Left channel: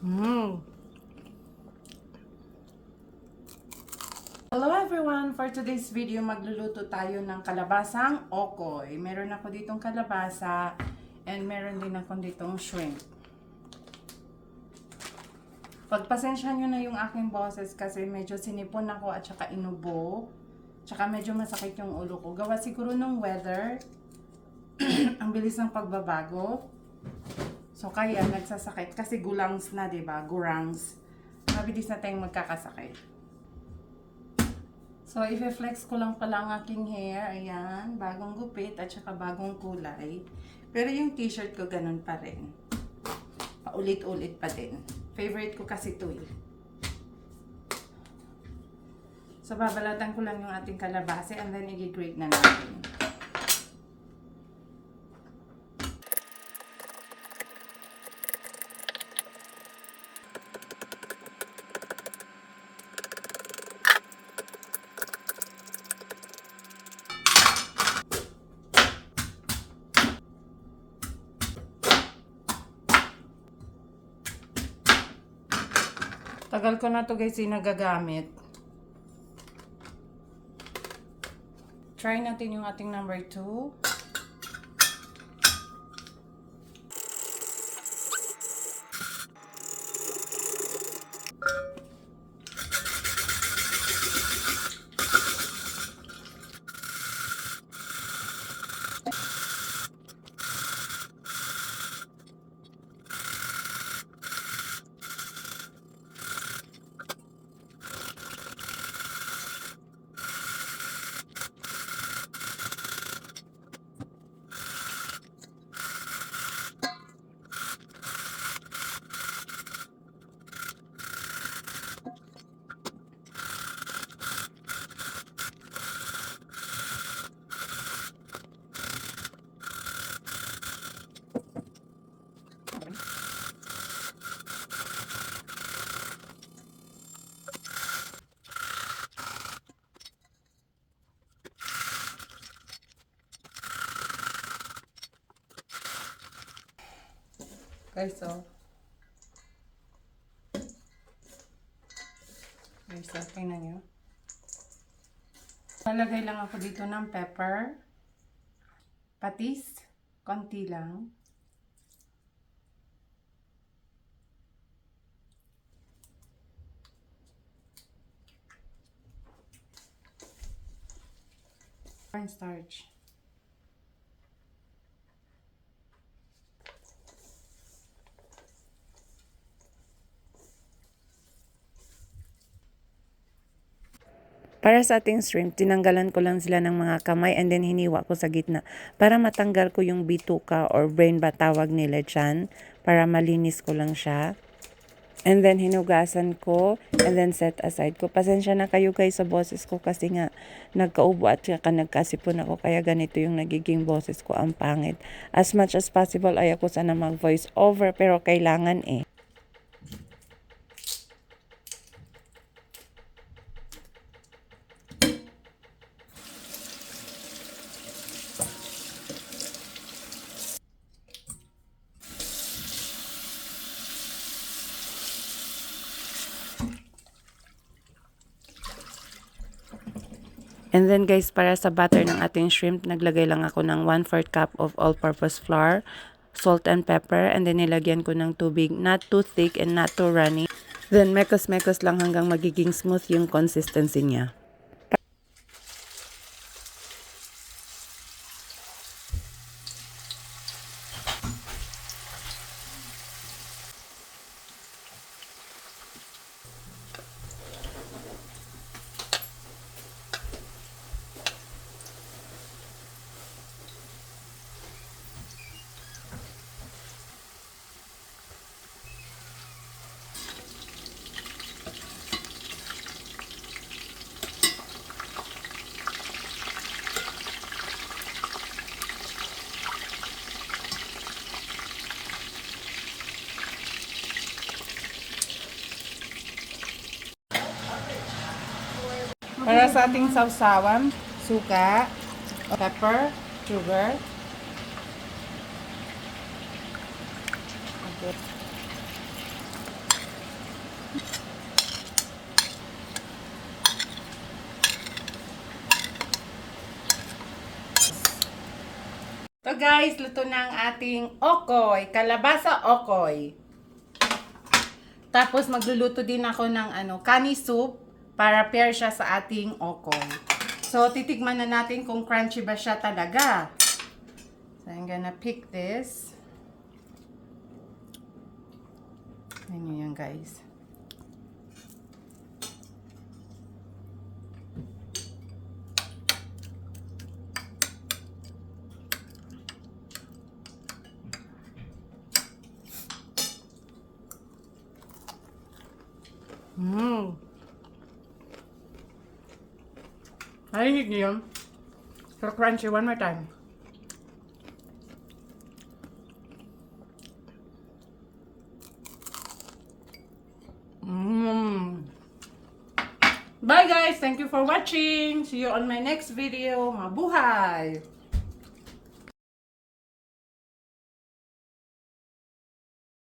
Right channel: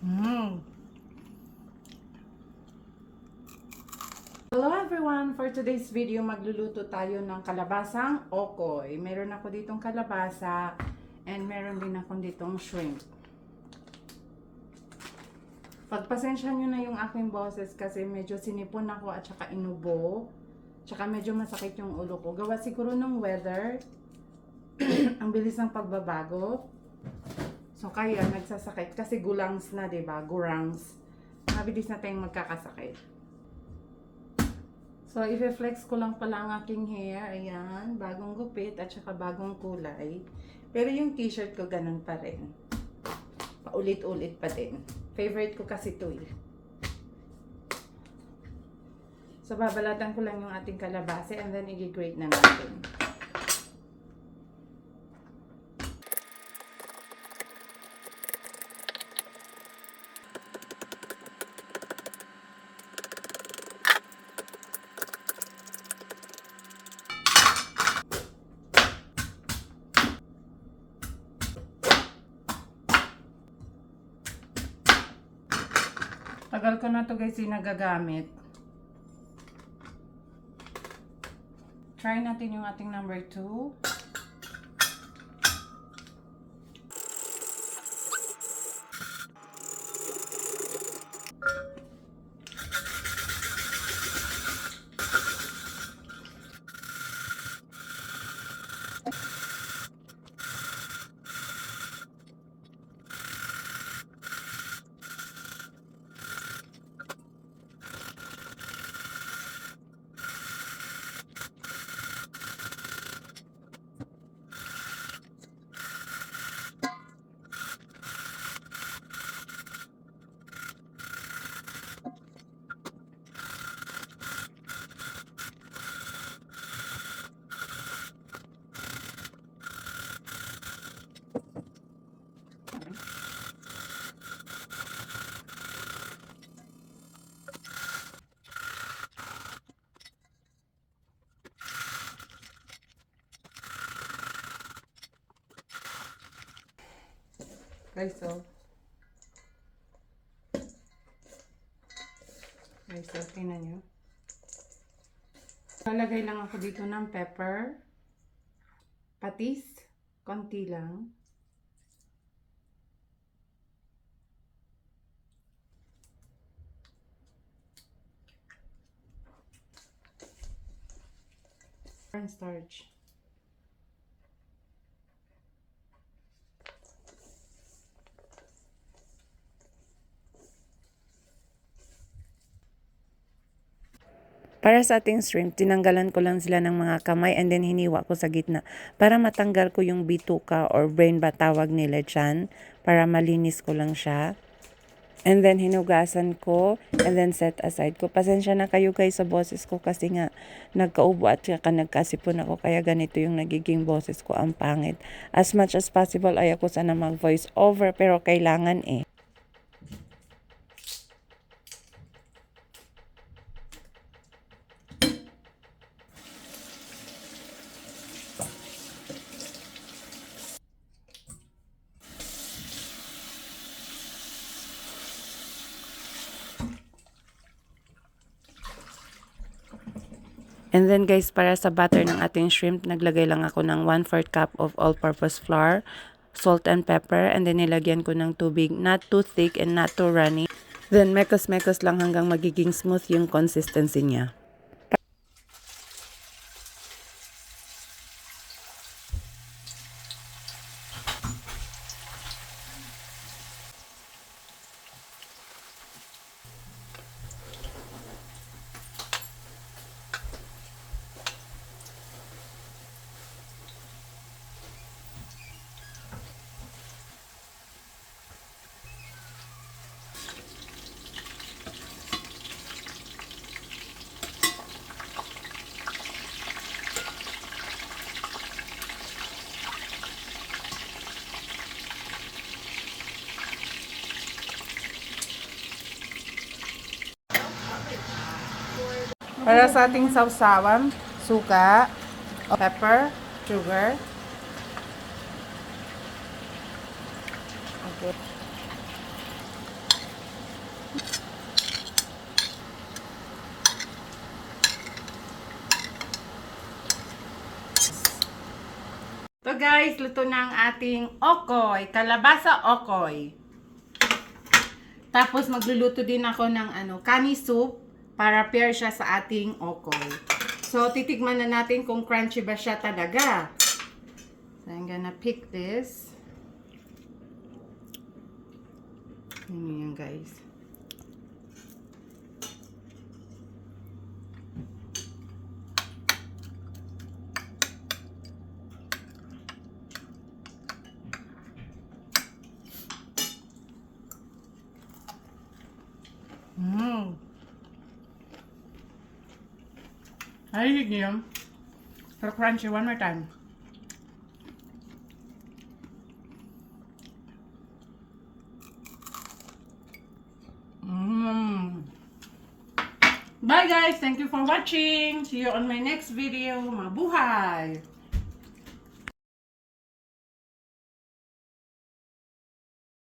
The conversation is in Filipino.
Mm. Hello everyone! For today's video, magluluto tayo ng kalabasang okoy. Meron ako ditong kalabasa and meron din ako ditong shrimp. Pagpasensya nyo na yung aking boses kasi medyo sinipon ako at saka inubo. Tsaka medyo masakit yung ulo ko. Gawa siguro ng weather. Ang bilis ng pagbabago. So kaya nagsasakit kasi gulangs na, 'di ba? Gurangs. Mabilis na tayong magkakasakit. So, i-flex ko lang pala ang aking hair. Ayan, bagong gupit at saka bagong kulay. Pero yung t-shirt ko ganun pa rin. Paulit-ulit pa din. Favorite ko kasi ito eh. So, babalatan ko lang yung ating kalabasa and then i-grate na natin. Tagal ko na to guys yung nagagamit. Try natin yung ating number 2. Guys, so. Guys, so, tingnan nyo. Lalagay lang ako dito ng pepper. Patis. Konti lang. Cornstarch. Para sa ating shrimp, tinanggalan ko lang sila ng mga kamay and then hiniwa ko sa gitna para matanggal ko yung bituka or brain ba tawag nila dyan, para malinis ko lang siya. And then hinugasan ko and then set aside ko. Pasensya na kayo guys sa boses ko kasi nga nagkaubo at saka nagkasipon ako kaya ganito yung nagiging boses ko, ang pangit. As much as possible ayoko sana mag voice over pero kailangan eh. And then guys, para sa batter ng ating shrimp, naglagay lang ako ng 1/4 cup of all-purpose flour, salt and pepper, and then nilagyan ko ng tubig, not too thick and not too runny. Then mekos-mekos lang hanggang magiging smooth yung consistency niya. Para sa ating sausawan, suka, pepper, sugar. Okay. So guys, luto na ang ating okoy, kalabasa okoy. Tapos magluluto din ako ng kani soup para pair siya sa ating okoy. So titikman na natin kung crunchy ba siya talaga. So I'm gonna pick this. Ano yan guys? Narinig niyo yun? So crunchy, one more time. Bye guys! Thank you for watching! See you on my next video. Mabuhay!